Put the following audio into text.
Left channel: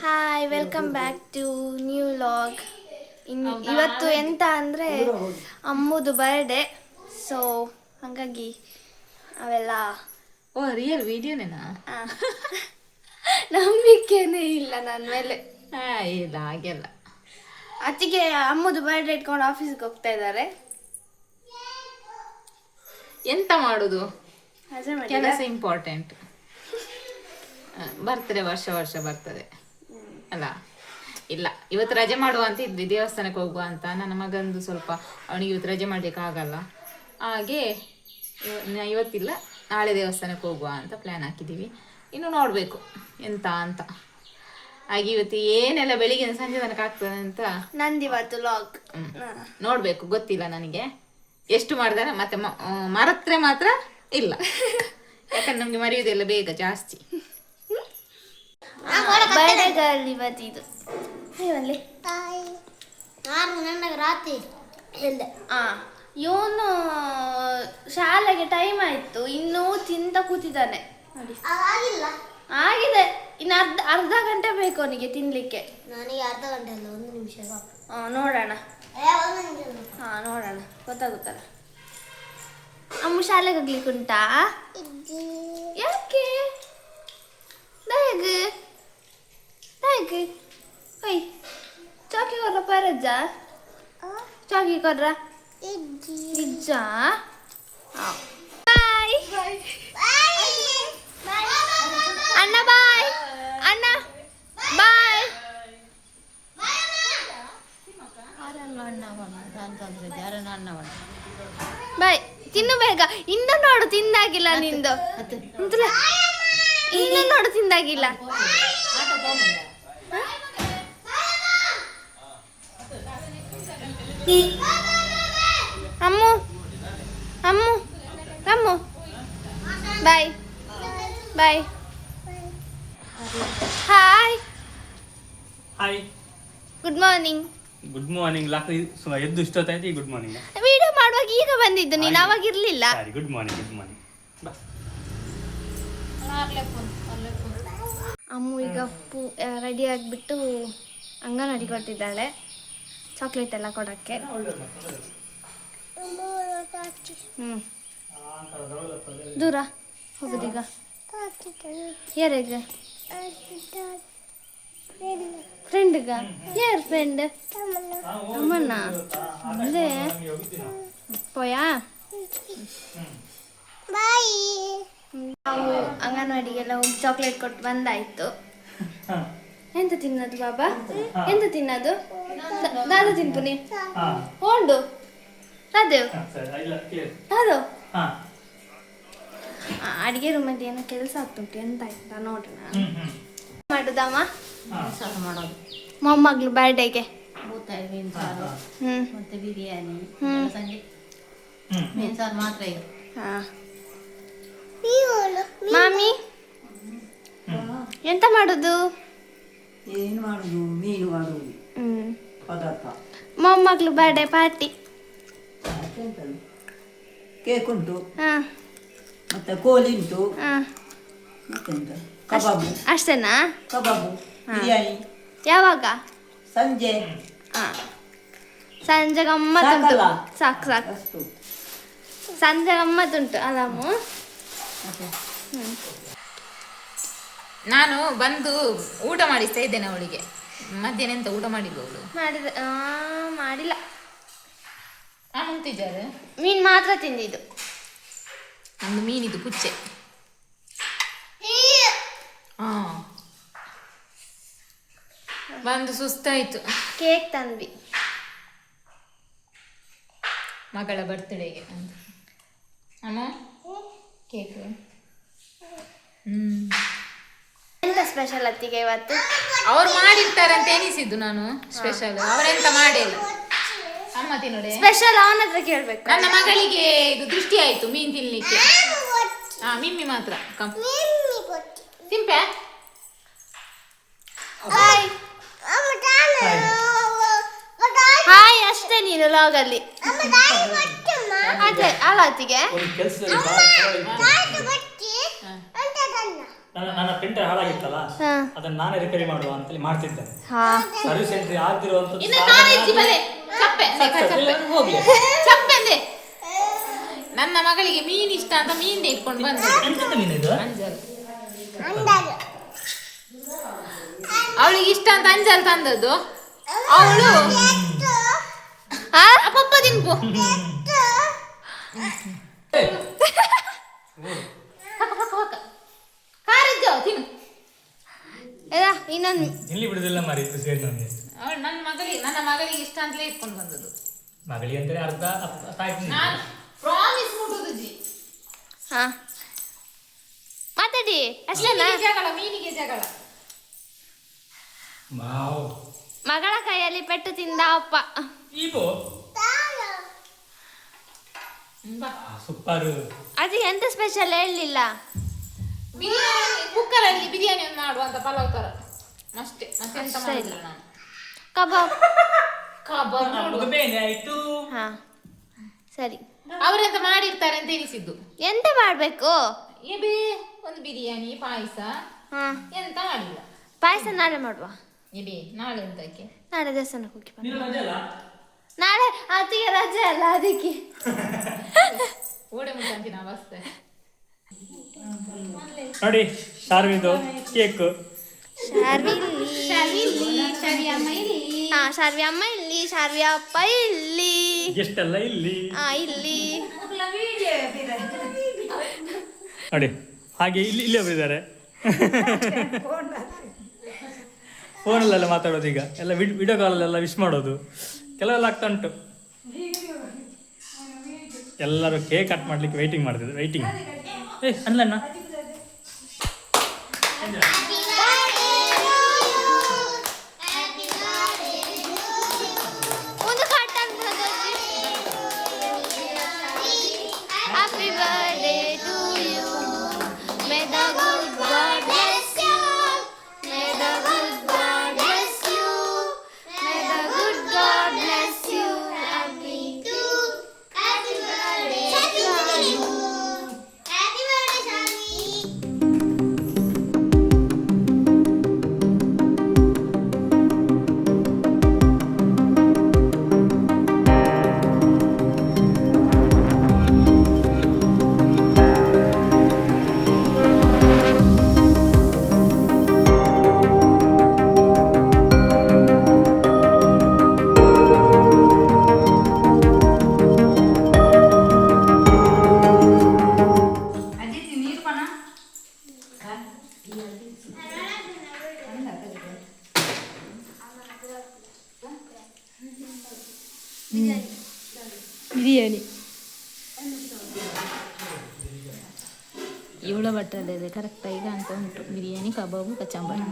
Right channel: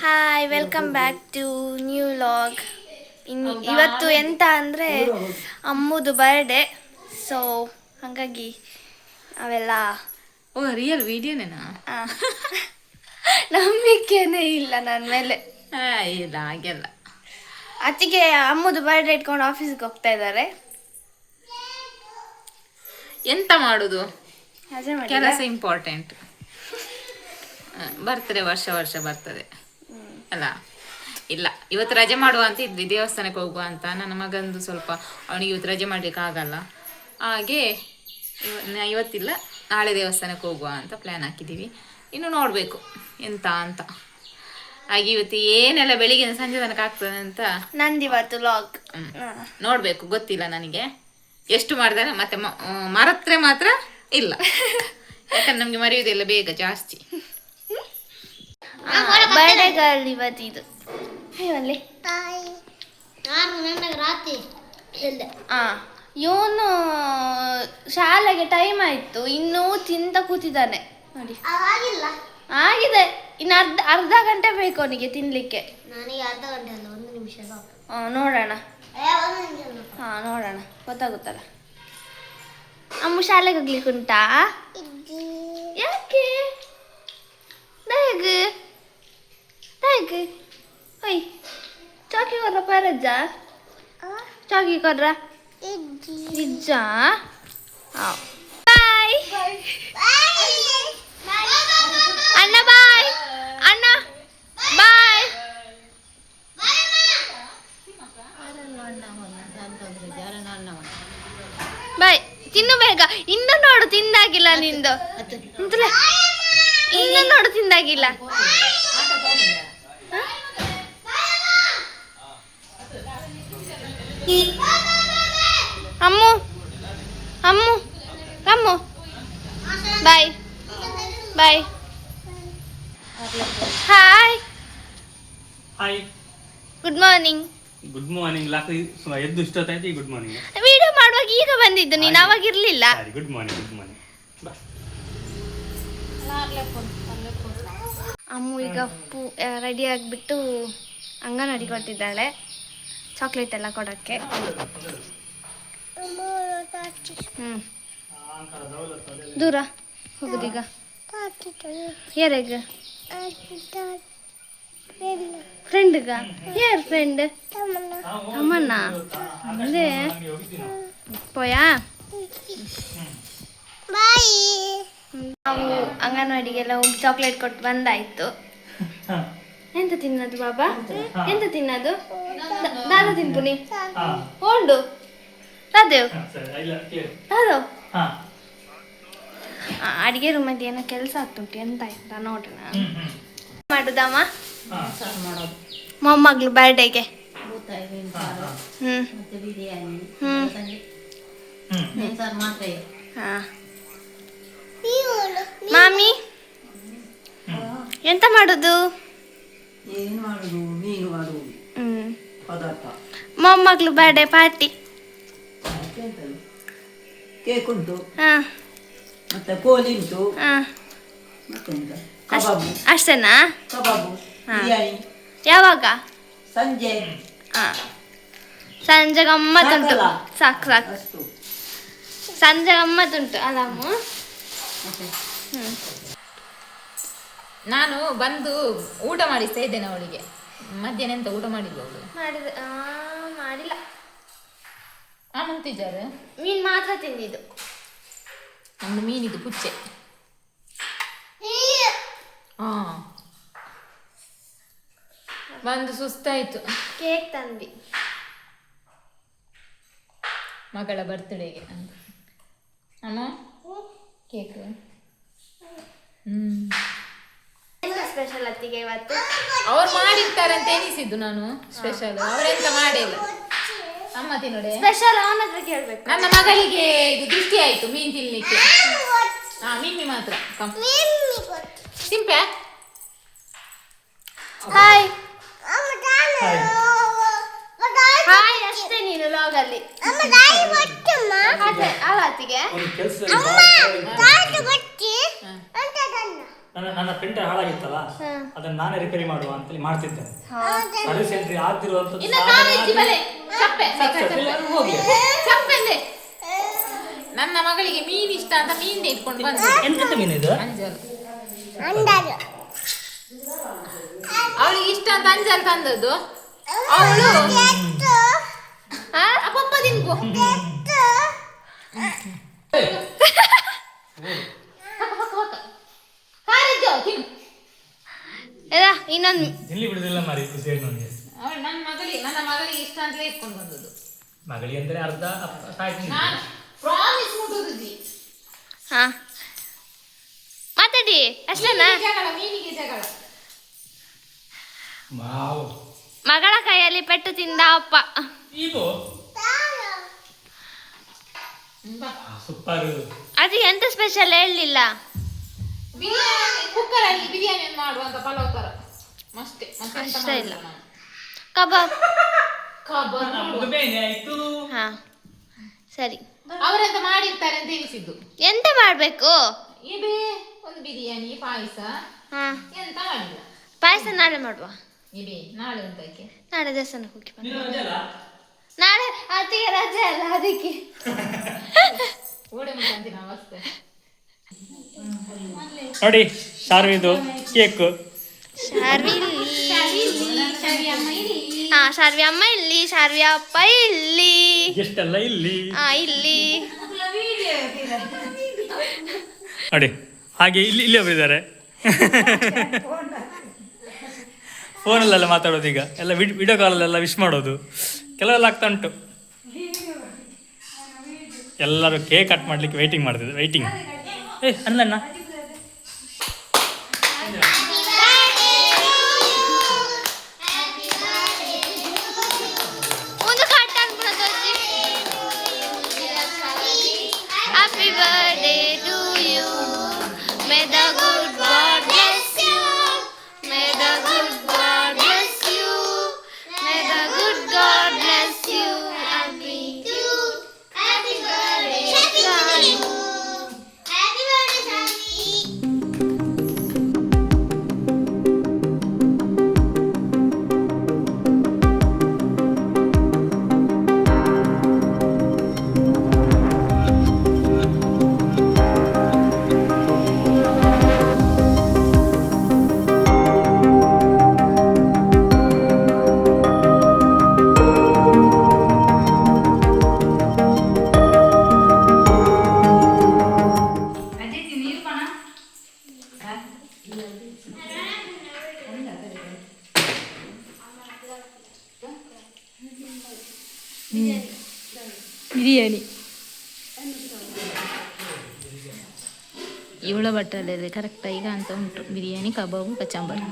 Hi welcome back to new log in ಇವತ್ತು ಎಂತ ಅಂದರೆ ಅಮ್ಮದು ಬರ್ಡೇ ಸೊ ಹಾಗಾಗಿ ಅವೆಲ್ಲ ಓ ರಿಯಲ್ ವಿಡಿಯೋನೇನಾ ನಂಬಿಕೆನೆ ನಂಬಿಕೆನೇ ಇಲ್ಲ ನನ್ನ ಮೇಲೆ. ಇಲ್ಲ ಹಾಗೆಲ್ಲ. ಅತ್ತಿಗೆ ಅಮ್ಮದು ಬರ್ಡೇ ಇಟ್ಕೊಂಡು ಆಫೀಸ್ಗೆ ಹೋಗ್ತಾ ಇದ್ದಾರೆ. ಎಂತ ಮಾಡುದು? ಕೆಲಸ ಇಂಪಾರ್ಟೆಂಟ್ ಬರ್ತದೆ ವರ್ಷ ವರ್ಷ ಬರ್ತದೆ. ಅಲ್ಲ ಇಲ್ಲ ಇವತ್ತು ರಜೆ ಮಾಡುವ ಅಂತ ಇದ್ವಿ ದೇವಸ್ಥಾನಕ್ಕೆ ಹೋಗುವ ಅಂತ. ನನ್ನ ಮಗಂದು ಸ್ವಲ್ಪ ಅವನಿಗೆ ಇವತ್ತು ರಜೆ ಮಾಡ್ಲಿಕ್ಕೆ ಆಗಲ್ಲ ಹಾಗೆ ಇವತ್ತಿಲ್ಲ ನಾಳೆ ದೇವಸ್ಥಾನಕ್ಕೆ ಹೋಗುವ ಅಂತ ಪ್ಲ್ಯಾನ್ ಹಾಕಿದ್ದೀವಿ. ಇನ್ನು ನೋಡಬೇಕು ಎಂತ ಅಂತ. ಹಾಗೆ ಇವತ್ತು ಏನೆಲ್ಲ ಬೆಳಿಗ್ಗೆ ಸಂಜೆ ತನಕ ಆಗ್ತದೆ ಅಂತ? ನಂದಿವತ್ತು ಲಾಗ್ ನೋಡಬೇಕು ಗೊತ್ತಿಲ್ಲ ನನಗೆ. ಎಷ್ಟು ಮಾಡಿದಾರೆ ಮತ್ತೆ ಮರತ್ರೆ ಮಾತ್ರ ಇಲ್ಲ. ಯಾಕಂದ್ರೆ ನಮಗೆ ಮರೆಯುವುದಿಲ್ಲ ಬೇಗ ಜಾಸ್ತಿ. ಬರ್ಡೇ ರಾತ್ರಿ ಹೇಳ್ದೆ. ಹಾಂ ಇವನು ಶಾಲೆಗೆ ಟೈಮ್ ಆಯ್ತು ಇನ್ನೂ ತಿಂತ ಕೂತಿದ್ದಾನೆ. ನೋಡಿ. ಆಗಿದೆ. ಇನ್ನು ಅರ್ಧ ಅರ್ಧ ಗಂಟೆ ಬೇಕು ಅವನಿಗೆ ತಿನ್ಲಿಕ್ಕೆ. ನನಗೆ ಅರ್ಧ ಗಂಟೆ ಅಲ್ಲ ಒಂದು ನಿಮಿಷ ನೋಡೋಣ. ಹಾಂ ಹಾ ನೋಡೋಣ. ಗೊತ್ತಾಗುತ್ತಲ್ಲ? ಅಮ್ಮ ಶಾಲೆಗೆ ಹೋಗ್ಲಿಕ್ಕೆ ಉಂಟಾ? ಯಾಕೆ? ಬ್ಯಾಗ್ ಬ್ಯಾಗ್ ಒಯ್ ಚಾಕಿ ಕೊರ್ರ ಪರಜ್ಜ ಚಾಕಿ ಕೊರ್ರ Bye. ಬಾಯ್ ಅಣ್ಣ ಬಾಯ್ ಅಣ್ಣ ಬಾಯ್ ಬಾಯ್ ತಿನ್ನು ಬೇಗ. ಇನ್ನು ನೋಡು ತಿಂದಾಗಿಲ್ಲ ನಿಂದು. ಇನ್ನು ನೋಡು ತಿಂದಾಗಿಲ್ಲ. ಅಮ್ಮು ಅಮ್ಮು ಅಮ್ಮು bye bye. Hi. Hi. Good morning good morning lock ಸುಮ ಎದ್ದು ಇಷ್ಟೊತ್ತಾಯ್ತು ಗುಡ್ ಮಾರ್ನಿಂಗ್ ವಿಡಿಯೋ ಮಾಡುವಾಗ ಈಗ ಬಂದಿದ್ದು ನೀನು ಅವಾಗ ಇರಲಿಲ್ಲ. ಗುಡ್ ಮಾರ್ನಿಂಗ್ ಗುಡ್ ಮಾರ್ನಿಂಗ್ ಅಮ್ಮು ಈಗ ಪೂ ರೆಡಿ ಆಗಿಬಿಟ್ಟು ಅಂಗನವಾಡಿ ಕೊಟ್ಟಿದ್ದಾಳೆ. ಚಾಕ್ಲೇಟ್ ಎಲ್ಲ ಕೊಡೋಕ್ಕೆ. ಹ್ಞೂ ದೂರ ಹೋಗುದೀಗ. ಯಾರಿಗೆ ಫ್ರೆಂಡ್ಗ ಯಾರು ಫ್ರೆಂಡ್ ಅಮ್ಮಣ್ಣ ಅದೇ ಪೋಯಾ? ನಾವು ಅಂಗನವಾಡಿಗೆಲ್ಲ ಹೋಗಿ ಚಾಕ್ಲೇಟ್ ಕೊಟ್ಟು ಬಂದಾಯ್ತು. ಎಂತ ತಿನ್ನದು ಬಾಬಾ? ಎಂತ? ತಿನ್ನದು? ನಾನು ದಾದ ತಿನ್ಪುನಿ. ಹೋಂಡು ರಾದೇವ್ ರಾದೇವ್ ಅಡಿಗೆ ರೂಮಲ್ಲಿ ಏನೋ ಕೆಲಸ ಆಗ್ತುಂಟು ಎಂತ ಆಯ್ತಾ ನೋಡೋಣ. ಮಾಡುದಮ್ಮ? ಮೊಮ್ಮಗಳು ಬರ್ಡೇಗೆ ಮಾಮಿ? ಎಂತ ಮಾಡುದು? ಏನು ಮಾಡುದು ಮೀನು ಮಾಡುದು ಹ್ಞೂ ಪದಾರ್ಥ ಮೊಮ್ಮಗಳು ಬರ್ಡೇ ಪಾರ್ಟಿ ಮತ್ತೆಂತದು? ಕೇಕ್ ಉಂಟು ಹಾಂ ಮತ್ತೆ ಕೋಳಿ ಉಂಟು ಹಾಂ ಮತ್ತೆಂತ ಕಬಾಬು ಅಷ್ಟೇನಾ ಕಬಾಬು ಹಾ. ಬಿರಿಯಾನಿ ಯಾವಾಗ ಸಂಜೆ ಹಾಂ ಸಂಜೆ ಗಮ್ಮತ್ತುಂಟು ಸಾಕಲ್ಲ? ಸಾಕು ಸಾಕು ಅಷ್ಟು ಸಂಜೆ ಗಮ್ಮತ್ತುಂಟು ಅಲ್ಲಮ್ಮ ಮತ್ತೆ ಹ್ಞೂ ನಾನು ಬಂದು ಊಟ ಮಾಡಿಸ್ತಾ ಇದ್ದೇನೆ ಅವಳಿಗೆ. ಮಧ್ಯಾಹ್ನ ಎಂತ ಊಟ ಮಾಡಿಲ್ಲ ಅವಳು? ಮಾಡಿದ ಆ, ಮಾಡಿಲ್ಲ. ಆ ಮುಂತಿದ್ದಾರೆ ಮೀನ್ ಮಾತ್ರ ತಿಂದಿದ್ದು. ನಮ್ದು ಮೀನಿದು ಪುಚ್ಚೆ. ಹಾ ಬಂದು ಸುಸ್ತಾಯ್ತು. ಕೇಕ್ ತಂದ್ವಿ. ಮಗಳ ಬರ್ತ್ಡೇಗೆ ಅಂತ ಅಮ್ಮ ಕೇಕ್? ಹ್ಮ್. ಸ್ಪೆಷಲ್ ಅತ್ತಿಗೆ ಇವತ್ತು? ಅವ್ರು ಮಾಡಿರ್ತಾರೆ ಅಂತ ಎನಿಸಿದ್ದು ನಾನು ಸ್ಪೆಷಲ್ ಅವರೆಂತ ಮಾಡಿಲ್ಲ. ಅಮ್ಮ ತಿನ್ನೋಡೆ ಸ್ಪೆಷಲ್ ಅವನ ಹತ್ರ ಕೇಳ್ಬೇಕು. ನನ್ನ ಮಗಳಿಗೆ ಇದು ದೃಷ್ಟಿ ಆಯ್ತು ಮೀನ್ ತಿನ್ಲಿಕ್ಕೆ. ಹಾ ಮಿಮ್ಮಿ ಮಾತ್ರ. ಕಮ್ ಸಿಂಪೆ? ಹಾಯ್ ಹಾಯ್ ಅಷ್ಟೇ ನೀನು ಲಾಗಲ್ಲಿ ಅಲ್ಲಿ. ಅಲ್ಲ ಅತ್ತಿಗೆ. ಒಂದು ಕೆಲಸ ಹಾ. ನನ್ನ ನನ್ನ ಪ್ರಿಂಟರ್ ಹಾಳಾಗಿತ್ತಲ್ಲ ಅದನ್ನ ನಾನೇ ರಿಪೇರಿ ಮಾಡುವ ಅಂತೇಳಿ ಮಾಡ್ತಿದ್ದೆ. ಹಾ. ಸರ್ವಿಸ್ ಎಂಟ್ರಿ ಆಗ್ತಿರುವಂತದ್ದು ನನ್ನ ಮಗಳಿಗೆ ಮೀನ್ ಇಷ್ಟ ಅಂತ ಮೀನ್ ಇಟ್ಕೊಂಡು ಬಂದದ್ದು ಎಂತ ಮೀನು ಇದು? ಅಂಜಲ್. ಅವಳಿಗೆ ಇಷ್ಟ ಅಂತ ಅಂಜಲ್ ತಂದದ್ದು. ಅವಳು ಪಪ್ಪ ಇನ್ನೊಂದು ಇಲ್ಲಿ ಬಿಡುದಿಲ್ಲ ಮಾರಿ ಇದು ಸೇರಿ ಅವಳು ನನ್ನ ಮಗಲಿ ನನ್ನ ಮಗಳಿಗೆ ಇಷ್ಟ ಅಂತಲೇ ಇಟ್ಕೊಂಡು ಬಂದದ್ದು. ಮಗಳಿ ಅಂದ್ರೆ ಅರ್ಧ ಸಾಕು ನಾನು ಪ್ರಾಮಿಸ್ ಮುಟ್ಟುದು ಜಿ ಹಾ. ಮಾತಾಡಿ ಅಷ್ಟೇನಾ ಜಗಳ ಮೀನಿಗೆ ಜಗಳ. ಮಾವು ಮಗಳ ಕೈಯಲ್ಲಿ ಪೆಟ್ಟು ತಿಂದ ಅಪ್ಪ. ಈಗೋ ಸೂಪರ್. ಅದು ಎಂತ ಸ್ಪೆಷಲ್ ಹೇಳಲಿಲ್ಲ. ಬಿರಿಯಾನಿ ಕುಕ್ಕರಲ್ಲಿ ಬಿರಿಯಾನಿ ಮಾಡುವಂತ ಪಲಾವ್ ತರ. ಅಷ್ಟೇ. ಅಷ್ಟೇ ಇಲ್ಲ. ಕಬಾಬ್. ಕಬಾಬ್. ಹಾ ಸರಿ. ಅವರೆಂತ ಮಾಡಿರ್ತಾರೆ ಅಂತ ಎನಿಸಿದ್ದು ಎಂತ ಮಾಡಬೇಕು? ಎಬೇ ಒಂದು ಬಿರಿಯಾನಿ ಪಾಯಸ. ಹಾ. ಎಂತ ಮಾಡಿಲ್ಲ. ಪಾಯಸ ನಾಳೆ ಮಾಡುವ. ಎಬೇ ನಾಳೆ ಎಂತಕ್ಕೆ ನಾಳೆ ದೇವಸ್ಥಾನಕ್ಕೆ ಹೋಗಿ ಬನ್ನಿ ನೀನು ರಜೆ ಅಲ್ಲ? ನಾಳೆ ಅತಿಗೆ ರಜೆ ಅಲ್ಲ ಅದಕ್ಕೆ. ಓಡೆ ಮುಟ್ಟಂತಿನ ಅವಸ್ಥೆ ನೋಡಿ ಶಾರ್ವಿದು ಕೇಕ್. ಶಾರ್ವಿ ಹಾ ಶಾರ್ವಿ ಅಮ್ಮ ಇಲ್ಲಿ ಶಾರ್ವಿ ಅಪ್ಪ ಇಲ್ಲಿ. ಎಷ್ಟಲ್ಲ ಇಲ್ಲಿ? ಹಾ ಇಲ್ಲಿ. ನೋಡಿ ಹಾಗೆ ಇಲ್ಲಿ ಇಲ್ಲಿ ಒಬ್ಬರಿದ್ದಾರೆ ಫೋನಲ್ಲೆಲ್ಲ ಮಾತಾಡೋದು ಈಗ. ಎಲ್ಲ ವಿಡಿಯೋ ಕಾಲಲ್ಲೆಲ್ಲ ವಿಶ್ ಮಾಡೋದು. ಕೆಲವೆಲ್ಲ ಆಗ್ತಾ ಉಂಟು. ಎಲ್ಲರೂ ಕೇಕ್ ಕಟ್ ಮಾಡ್ಲಿಕ್ಕೆ ವೈಟಿಂಗ್ ಮಾಡ್ತಿದ್ರು ವೈಟಿಂಗ್ ಏ ಅಲ್ಲಣ್ಣ ಬಿರಿಯಾನಿ ಇವಳ ಬಟ್ಟಲಲ್ಲಿ ಕರೆಕ್ಟ್ ಈಗ ಅಂತ ಉಂಟು ಬಿರಿಯಾನಿ ಕಬಾಬು ಕಚಂಬರ್